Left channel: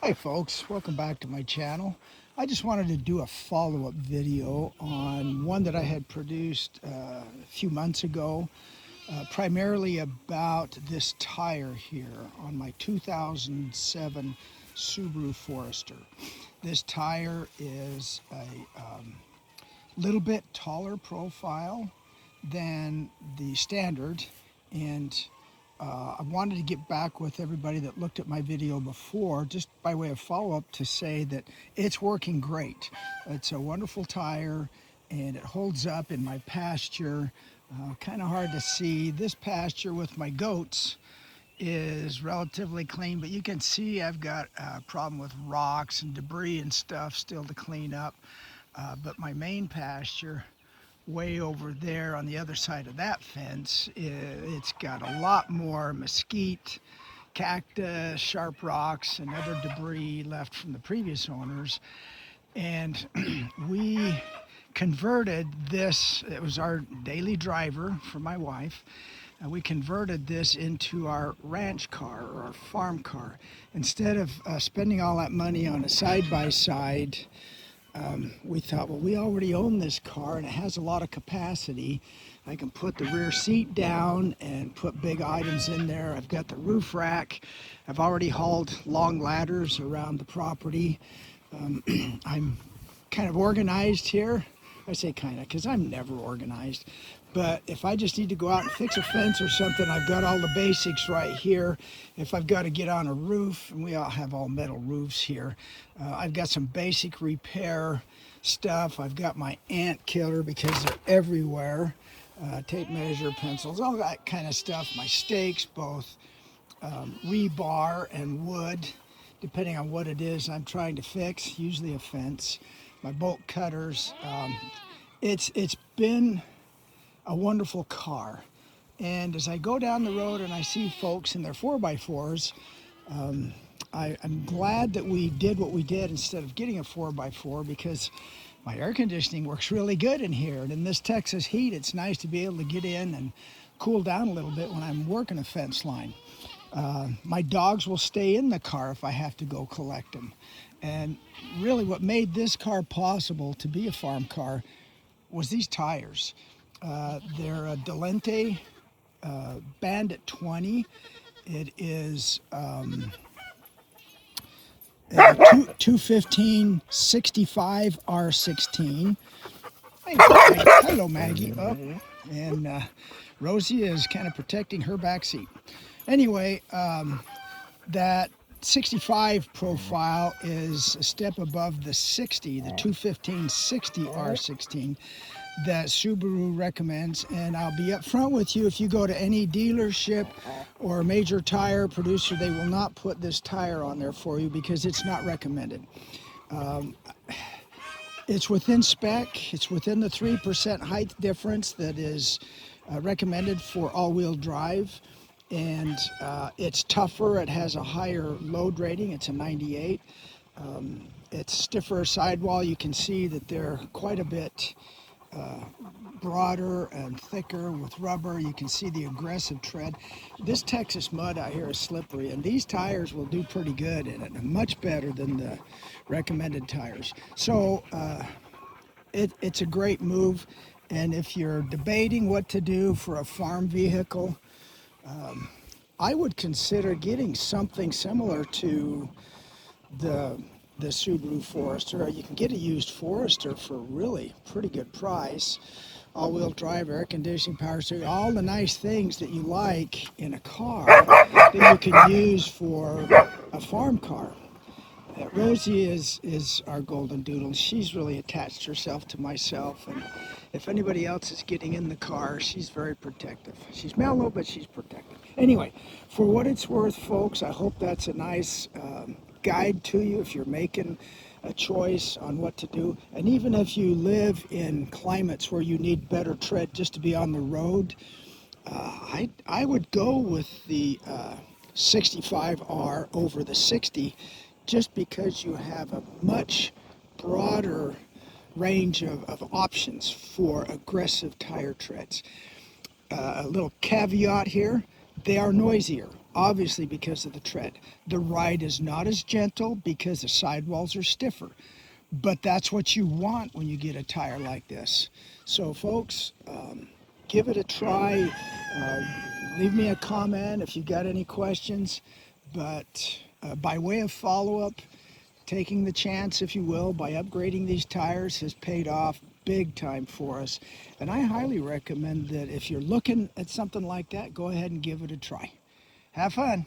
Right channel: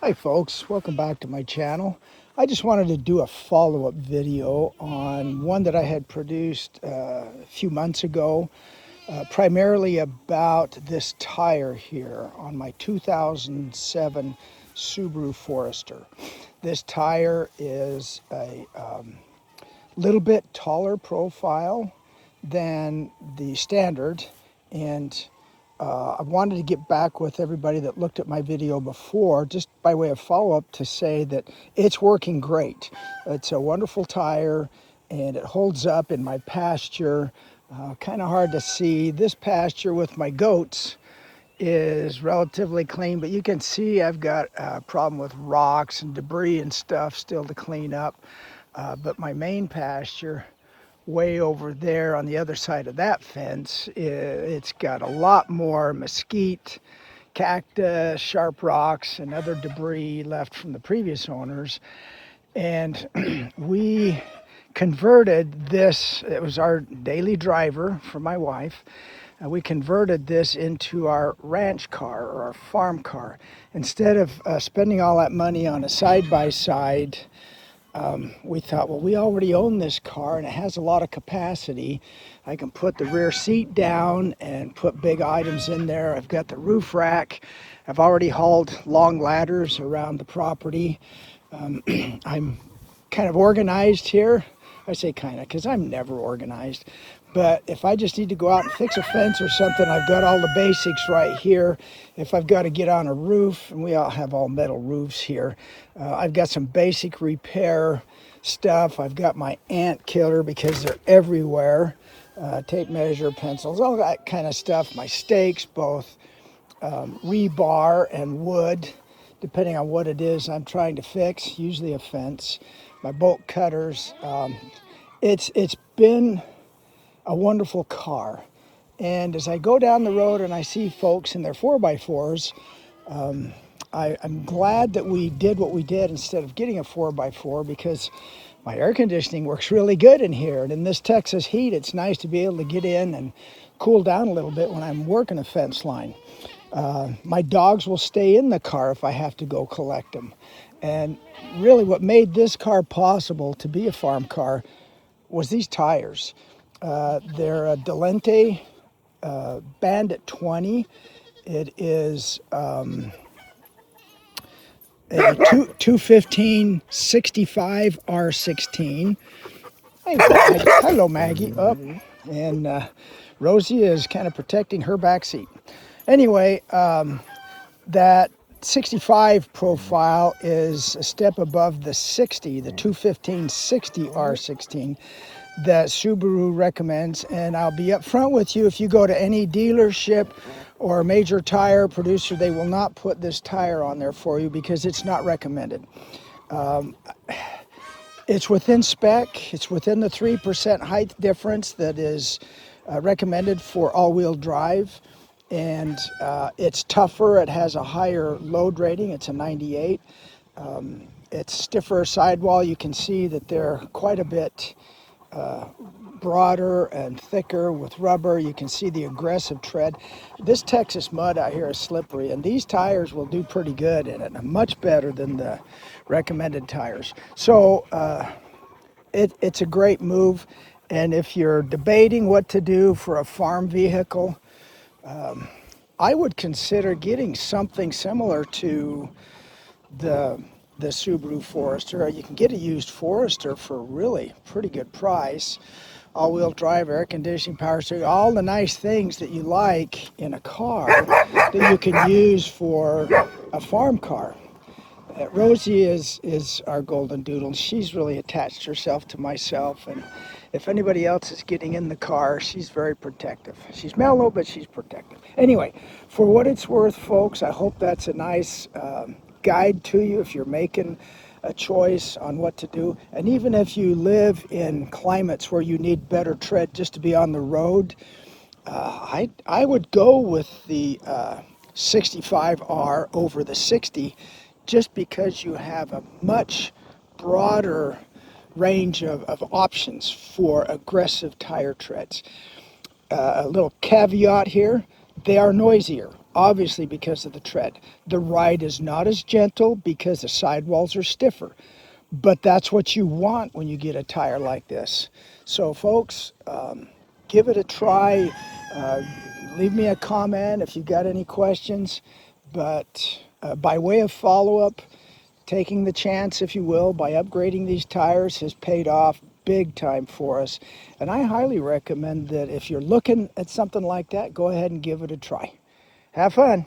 Hi folks, welcome back to my channel. I just wanted to do a follow-up video on one that I had produced a few months ago, primarily about this tire here on my 2007 Subaru Forester. This tire is a little bit taller profile than the standard, and I wanted to get back with everybody that looked at my video before, just by way of follow-up, to say that it's working great. It's a wonderful tire, and it holds up in my pasture. Kind of hard to see. This pasture with my goats is relatively clean, but you can see I've got a problem with rocks and debris and stuff still to clean up. But my main pasture, way over there on the other side of that fence, it's got a lot more mesquite, cactus, sharp rocks, and other debris left from the previous owners. And we converted this, it was our daily driver for my wife. We converted this into our ranch car or our farm car. Instead of spending all that money on a side-by-side, we thought, well, we already own this car and it has a lot of capacity. I can put the rear seat down and put big items in there. I've got the roof rack. I've already hauled long ladders around the property. I'm kind of organized here. I say kind of because I'm never organized. But if I just need to go out and fix a fence or something, I've got all the basics right here. If I've got to get on a roof, and we all have all metal roofs here, I've got some basic repair stuff. I've got my ant killer because they're everywhere. Tape measure, pencils, all that kind of stuff. My stakes, both rebar and wood, depending on what it is I'm trying to fix, usually a fence. My bolt cutters. It's been a wonderful car. And as I go down the road and I see folks in their 4x4s, I'm glad that we did what we did instead of getting a 4x4, because my air conditioning works really good in here. And in this Texas heat, it's nice to be able to get in and cool down a little bit when I'm working a fence line. My dogs will stay in the car if I have to go collect them. And really what made this car possible to be a farm car was these tires. They're a Delente Bandit 20. It is a 215 65 R16. Hey, Maggie. Hello, Maggie. Up. And Rosie is kind of protecting her back seat. Anyway, that 65 profile is a step above the 60, the 215 60 R16 that Subaru recommends. And I'll be up front with you, if you go to any dealership or major tire producer, they will not put this tire on there for you because it's not recommended. It's within spec. It's within the 3% height difference that is recommended for all-wheel drive. And it's tougher. It has a higher load rating. It's a 98. It's stiffer sidewall. You can see that they're quite a bit broader and thicker with rubber. You can see the aggressive tread. This Texas mud out here is slippery, and these tires will do pretty good in it, much better than the recommended tires. So it's a great move. And if you're debating what to do for a farm vehicle, I would consider getting something similar to the Subaru Forester. You can get a used Forester for a really pretty good price. All-wheel drive, air conditioning, power steering, all the nice things that you like in a car that you can use for a farm car. Rosie is our golden doodle. She's really attached herself to myself, and if anybody else is getting in the car, she's very protective. She's mellow, but she's protective. Anyway, for what it's worth, folks, I hope that's a nice guide to you if you're making a choice on what to do. And even if you live in climates where you need better tread just to be on the road, I would go with the 65R over the 60, just because you have a much broader range of options for aggressive tire treads. A little caveat here, They are noisier, obviously because of the tread. The ride is not as gentle because the sidewalls are stiffer. But that's what you want when you get a tire like this. So folks, give it a try. Uh, Leave me a comment if you've got any questions. But by way of follow-up, taking the chance, if you will, by upgrading these tires has paid off big time for us. And I highly recommend that if you're looking at something like that, go ahead and give it a try. Have fun.